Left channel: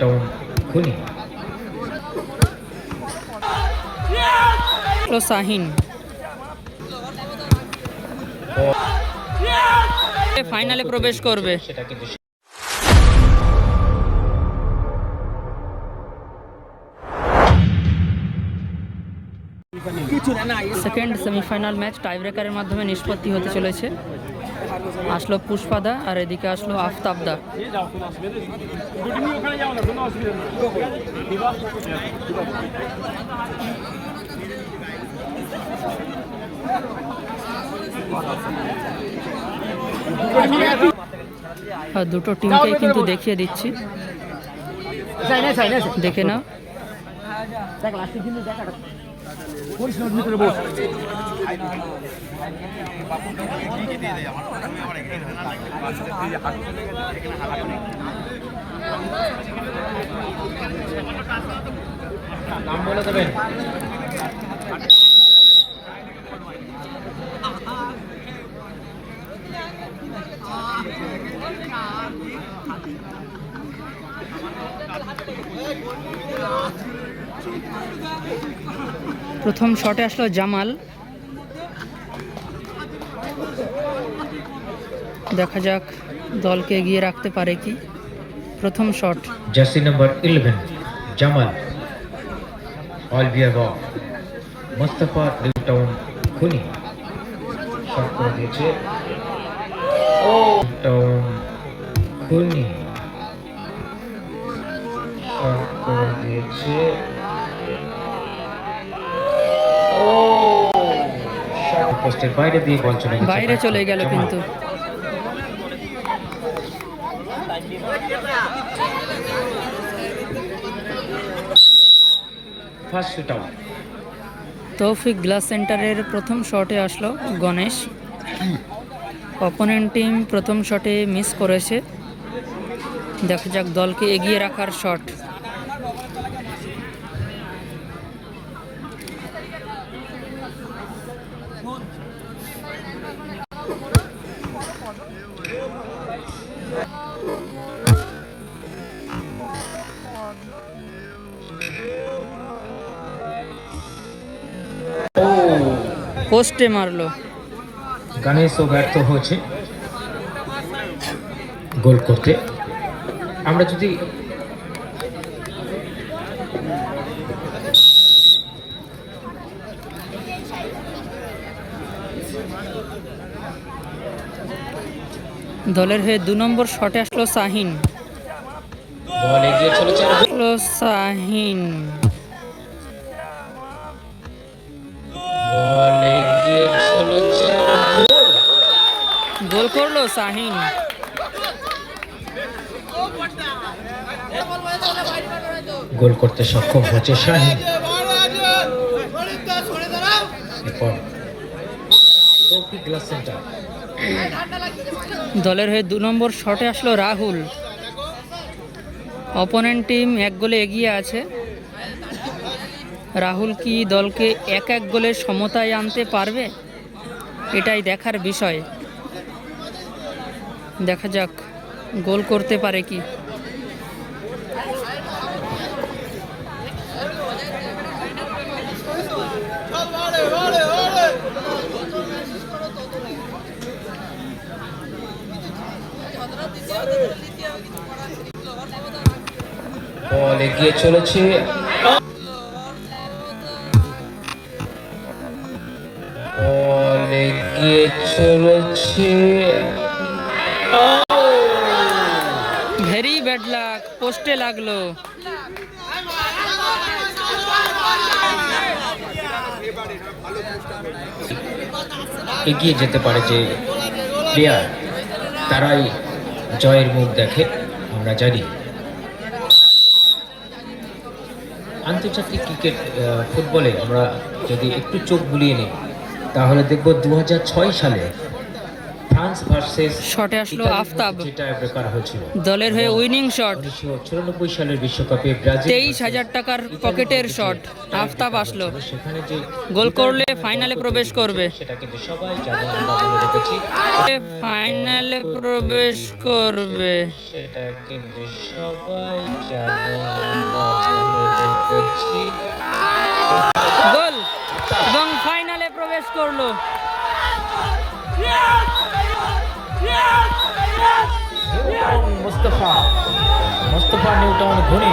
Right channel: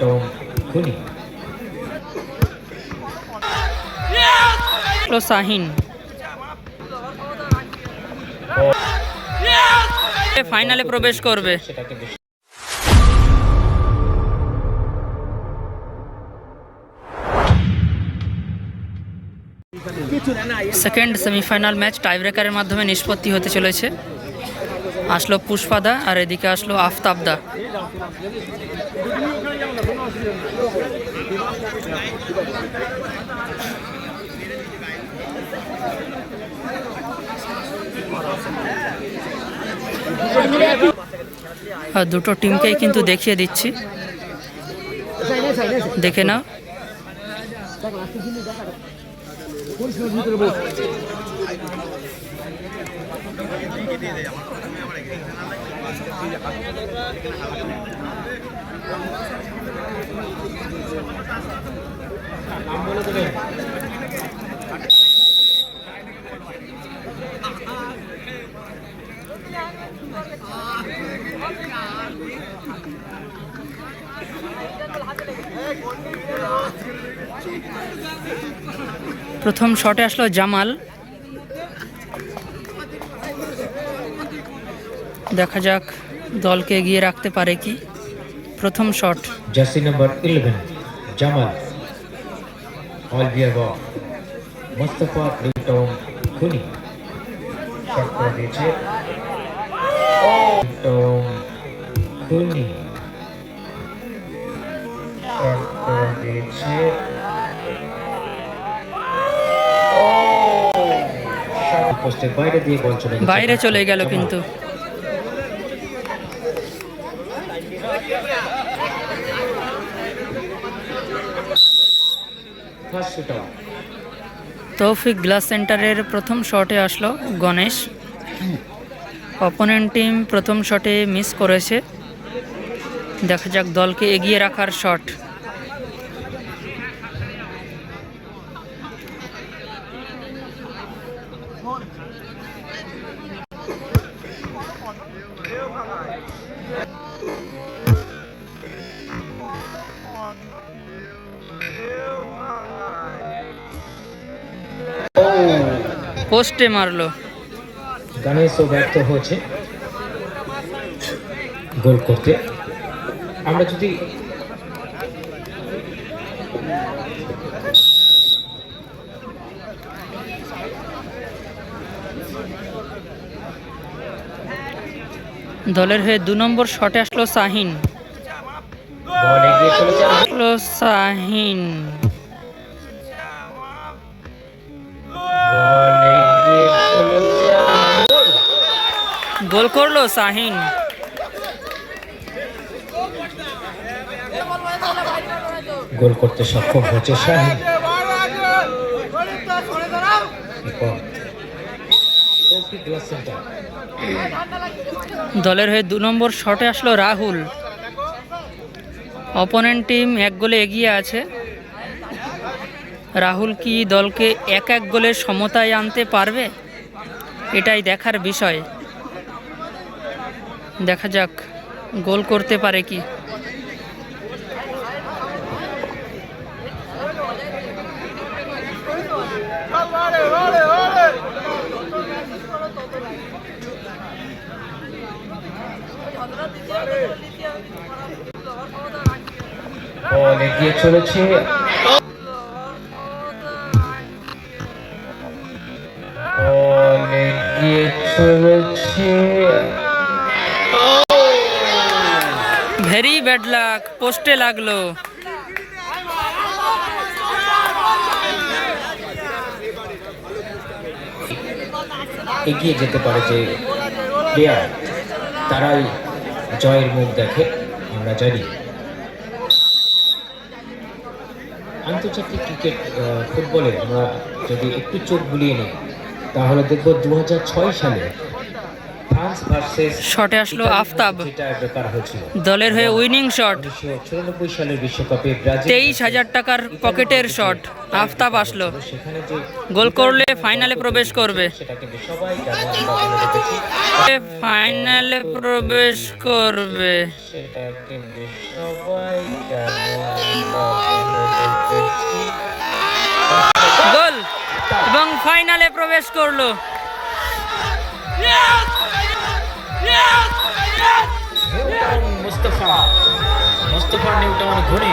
Town খুনি শাহিন ফাইনালে প্রবেশ করবে। সেকেন্ড সেমিফাইনাল ম্যাচ টাইব্রেকারের মাধ্যমে নিষ্পত্তি হতে চলেছে। আসলো পুষ্পাদা আর এদিকে আসলো আফতাবদা। দুটো টিমকেই কিন্তু দেখিয়ে দিচ্ছি, দেখে নাও। নাম বলে দেবেন। প্রথম শটে আসলো জামাল, দেখা যাক দলকে এগিয়ে রাখতে পারে কি। প্রথম শট, জার্সি নাম্বার 11 জামাল, অল বিয়ার বল, মোস্তফা নিউ টাউন খুনি শট করে দিয়েছে। টাউন খুনি শট করে দিয়েছে। পোস্টের বাইরে দিয়ে বল চলে গেছে, বাইরে চলে গেল কিন্তু। First shoot out. তৌফিক গ্লাস সেন্টারের প্রথম শটে আসলো গণেশ। অপোনেন্ট টিম প্রথম শটে মিস করেছে, দেখা যাক দলকে এগিয়ে রাখার শট। পোস্টে মারলো। গণেশও ব্যর্থ হয়েছে গোল করতে। আমরা যদি দলের হয়ে 2 নম্বর শটে আসলো শাহিন। বল এগিয়ে চলেছে, শাহিন বল এগিয়ে চলেছে, গোল করলো শাহিন। গোল করতে সক্ষম হচ্ছে শাহিন। তৌফিক গ্লাস সেন্টার। দলের হয়ে 2 নম্বর শটে আসলো রাহুল। অপোনেন্ট টিম 1 গোলে এগিয়ে আছে। রাহুল কি দলকে 1-1 গোলের সমতায় আনতে পারবে, এটাই দেখার বিষয়। দেখা যাক গোল করতে পারে কি। বল এগিয়ে চলেছে, বল এগিয়ে চলেছে, ভেরি ব্যাড লাক, পোস্টে লাগলো। এগিয়ে যেতে পারে যে প্লেয়ার, তারাই জয়ের মুখ দেখে, আমরা জানি। আন্তর্জাতিক ক্রিকেট ফুটবলে আমরা যদি একটু চোখ বুলিয়ে নিই তাহলে দেখব 2006 সালে ফ্রান্স ভার্সেস শটে আসলো আফতাব। টাই ব্রেকার হয়েছিল দলের হয়ে উইনিং শট, 1994 সালের বিশ্বকাপে ব্রাজিল 23,000 টাকার পকেটের শট। আফতাব আসলো, সেখানে যে গোল করলে ফাইনালে প্রবেশ করবে। সেটা কিন্তু সবাই জানে, আমরা বলে রেখেছি। ফাইনালে প্রবেশ করবে। সেটা কিন্তু সবাই জানে, আমরা বলে রেখেছি। গোল এবং ফাইনালে প্রবেশ করলো। মুস্তাফা নিউটন ঘুরে